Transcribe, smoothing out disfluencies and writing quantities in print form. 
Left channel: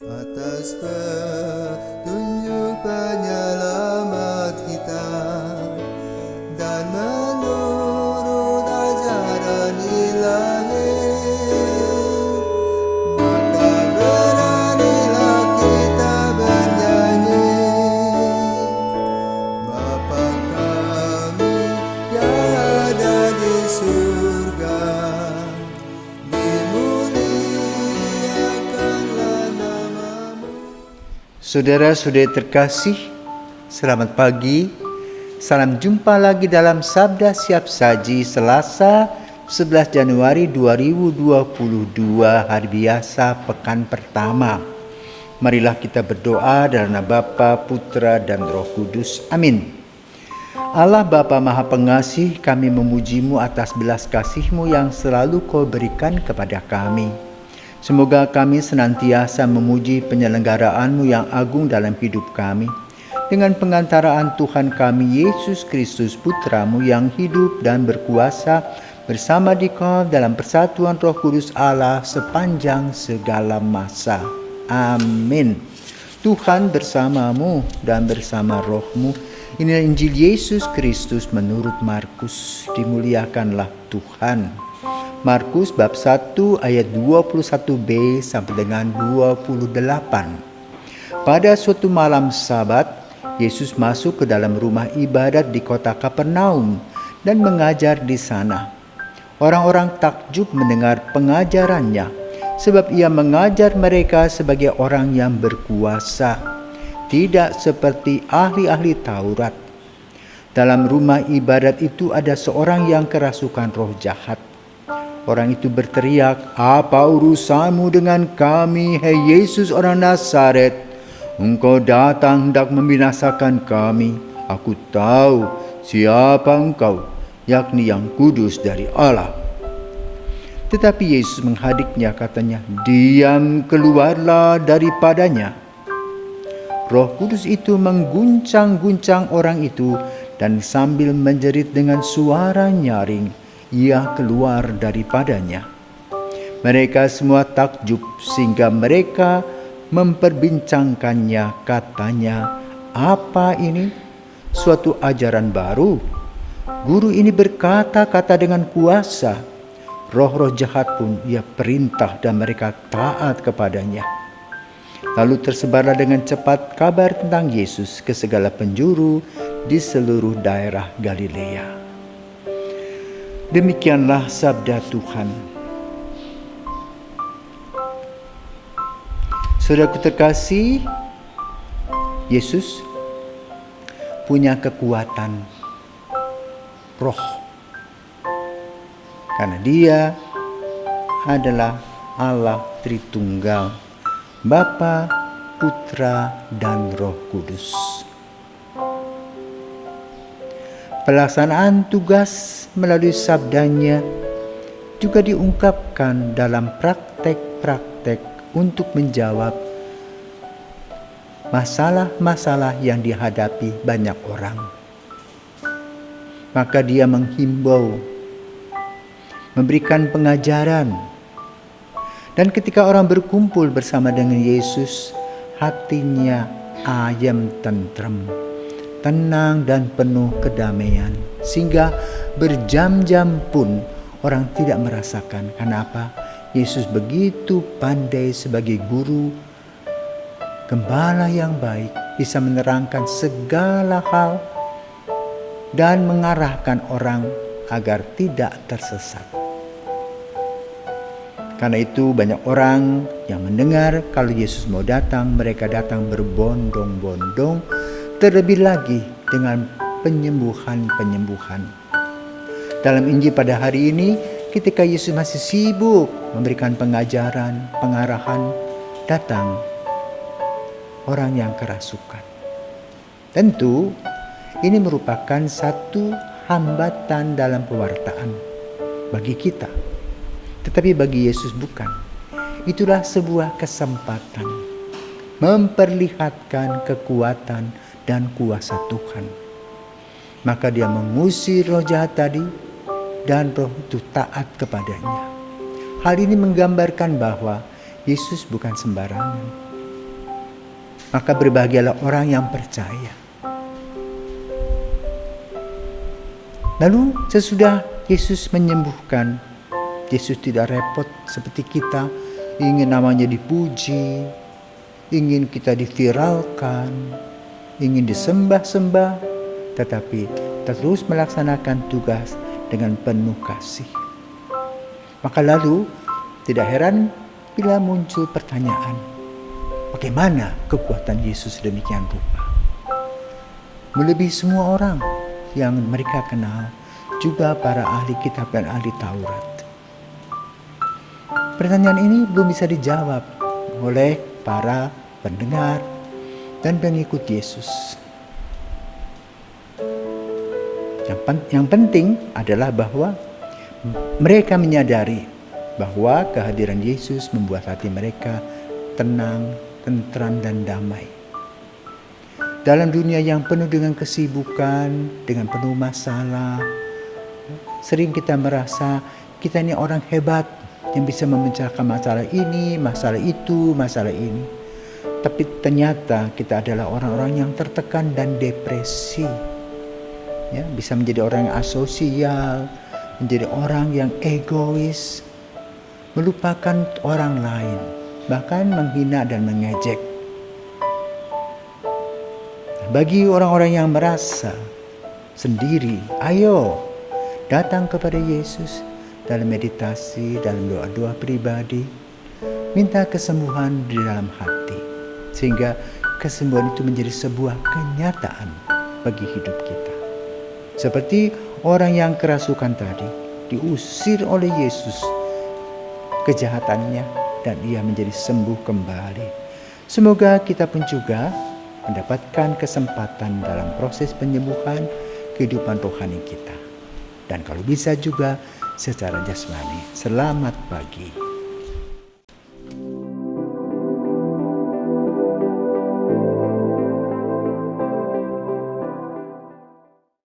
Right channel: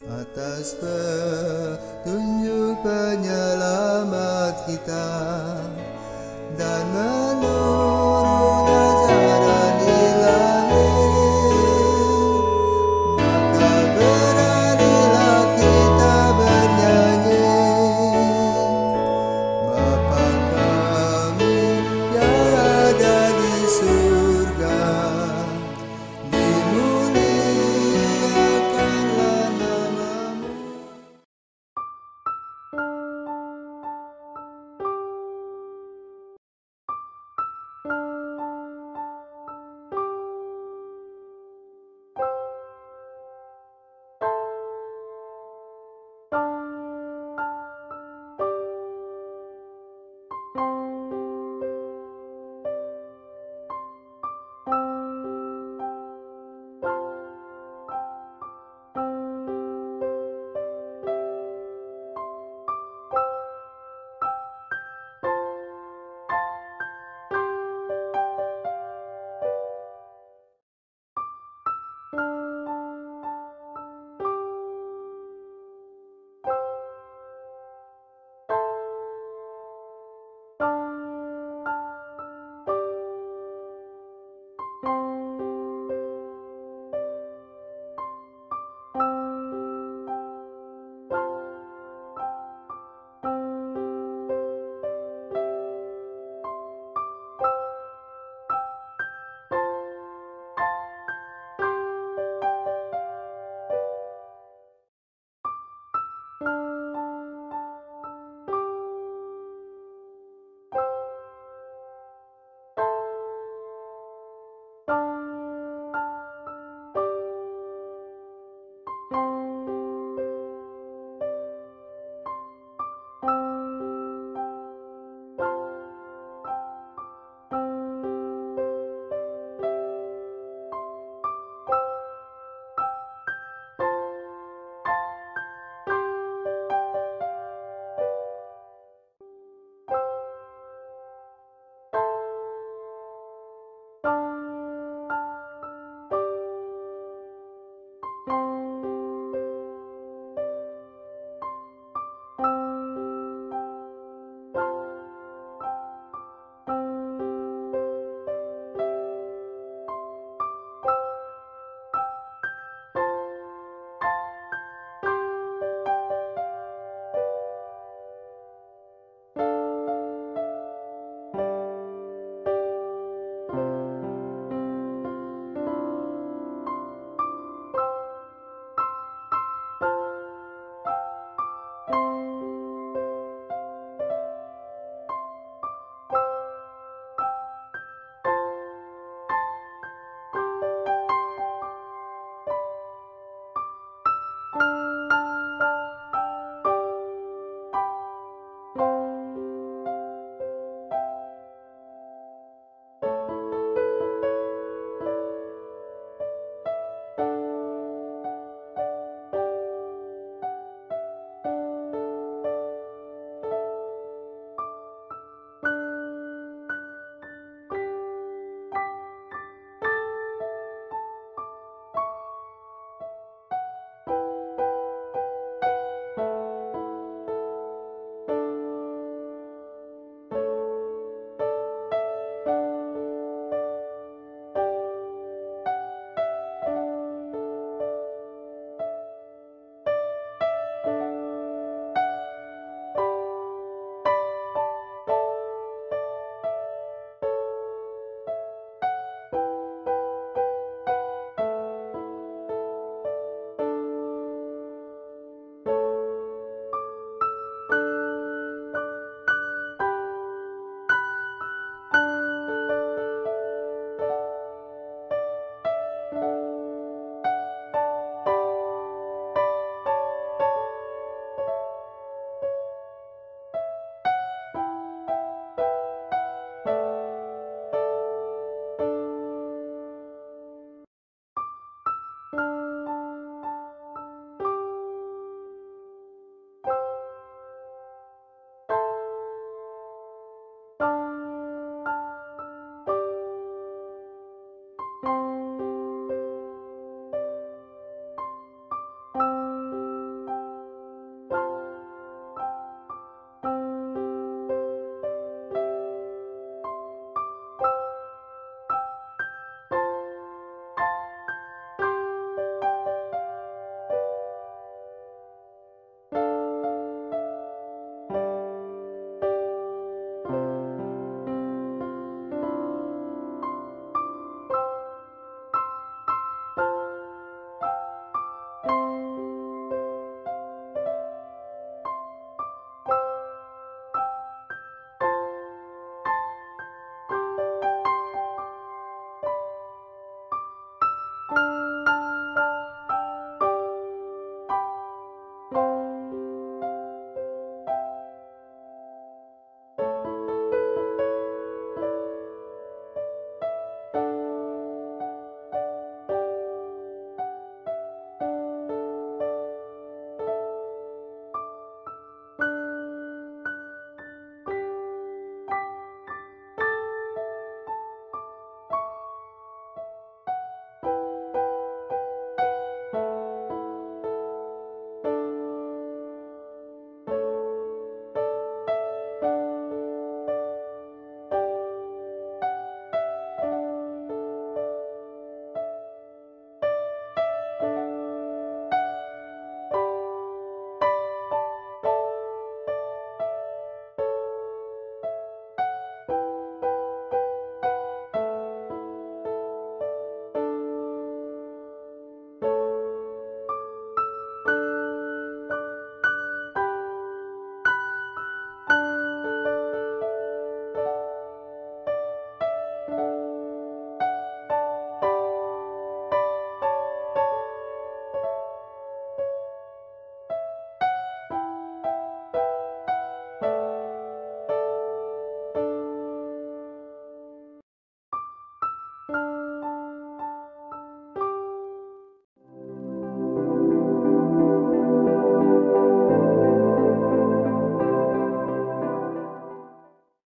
Atas petunjuk penyelamat kita dan menurut ajaran ilahi, maka beranilah kita bernyanyi. Bapa kami yang ada di surga, dimuliakanlah namamu. Saudara-saudari terkasih, selamat pagi. Salam jumpa lagi dalam Sabda Siap Saji Selasa 11 Januari 2022, hari biasa pekan pertama. Marilah kita berdoa dalam nama Bapa, Putra, dan Roh Kudus. Amin. Allah Bapa Maha Pengasih, kami memuji-Mu atas belas kasih-Mu yang selalu Kau berikan kepada kami. Semoga kami senantiasa memuji penyelenggaraan-Mu yang agung dalam hidup kami. Dengan pengantaraan Tuhan kami Yesus Kristus Putra-Mu yang hidup dan berkuasa bersama Dikau dalam persatuan Roh Kudus Allah sepanjang segala masa. Amin. Tuhan bersamamu dan bersama rohmu. Inilah Injil Yesus Kristus menurut Markus. Dimuliakanlah Tuhan. Markus bab 1 ayat 21b sampai dengan 28. Pada suatu malam Sabat, Yesus masuk ke dalam rumah ibadat di kota Kapernaum dan mengajar di sana. Orang-orang takjub mendengar pengajarannya, sebab ia mengajar mereka sebagai orang yang berkuasa, tidak seperti ahli-ahli Taurat. Dalam rumah ibadat itu ada seorang yang kerasukan roh jahat. Orang itu berteriak, "Apa urusanmu dengan kami, hai Yesus orang Nazaret? Engkau datang hendak membinasakan kami. Aku tahu siapa engkau, yakni yang kudus dari Allah." Tetapi Yesus menghadiknya, katanya, "Diam, keluarlah daripadanya." Roh Kudus itu mengguncang-guncang orang itu, dan sambil menjerit dengan suara nyaring, ia keluar daripadanya. Mereka semua takjub sehingga mereka memperbincangkannya, katanya, "Apa ini? Suatu ajaran baru. Guru ini berkata-kata dengan kuasa. Roh-roh jahat pun ia perintah dan mereka taat kepadanya." Lalu tersebarlah dengan cepat kabar tentang Yesus ke segala penjuru di seluruh daerah Galilea. Demikianlah sabda Tuhan. Saudaraku terkasih, Yesus punya kekuatan roh, karena Dia adalah Allah Tritunggal, Bapa, Putra, dan Roh Kudus. Pelaksanaan tugas melalui sabdanya juga diungkapkan dalam praktek-praktek untuk menjawab masalah-masalah yang dihadapi banyak orang. Maka Dia menghimbau, memberikan pengajaran. Dan ketika orang berkumpul bersama dengan Yesus, hatinya ayem tentrem, tenang dan penuh kedamaian. Sehingga berjam-jam pun orang tidak merasakan. Kenapa? Yesus begitu pandai sebagai guru, gembala yang baik, bisa menerangkan segala hal dan mengarahkan orang agar tidak tersesat. Karena itu banyak orang yang mendengar kalau Yesus mau datang, mereka datang berbondong-bondong, terlebih lagi dengan penyembuhan-penyembuhan. Dalam Injil pada hari ini, ketika Yesus masih sibuk memberikan pengajaran, pengarahan, datang orang yang kerasukan. Tentu ini merupakan satu hambatan dalam pewartaan bagi kita. Tetapi bagi Yesus bukan. Itulah sebuah kesempatan memperlihatkan kekuatan dan kuasa Tuhan. Maka Dia mengusir roh jahat tadi, dan roh itu taat kepadanya. Hal ini menggambarkan bahwa Yesus bukan sembarangan. Maka berbahagialah orang yang percaya. Lalu sesudah Yesus menyembuhkan, Yesus tidak repot seperti kita, ingin namanya dipuji, ingin kita diviralkan, ingin disembah-sembah, tetapi terus melaksanakan tugas dengan penuh kasih. Maka lalu tidak heran bila muncul pertanyaan, bagaimana kekuatan Yesus demikian rupa? Melebihi semua orang yang mereka kenal, juga para ahli kitab dan ahli Taurat. Pertanyaan ini belum bisa dijawab oleh para pendengar dan pengikut Yesus. Yang penting adalah bahwa mereka menyadari bahwa kehadiran Yesus membuat hati mereka tenang, tentram, dan damai. Dalam dunia yang penuh dengan kesibukan, dengan penuh masalah, sering kita merasa kita ini orang hebat yang bisa memecahkan masalah ini, masalah itu, masalah ini. Tapi ternyata kita adalah orang-orang yang tertekan dan depresi. Ya, bisa menjadi orang yang asosial, menjadi orang yang egois, melupakan orang lain, bahkan menghina dan mengejek. Bagi orang-orang yang merasa sendiri, ayo datang kepada Yesus dalam meditasi, dalam doa-doa pribadi, minta kesembuhan di dalam hati, sehingga kesembuhan itu menjadi sebuah kenyataan bagi hidup kita. Seperti orang yang kerasukan tadi, diusir oleh Yesus kejahatannya dan ia menjadi sembuh kembali. Semoga kita pun juga mendapatkan kesempatan dalam proses penyembuhan kehidupan rohani kita. Dan kalau bisa juga secara jasmani. Selamat pagi.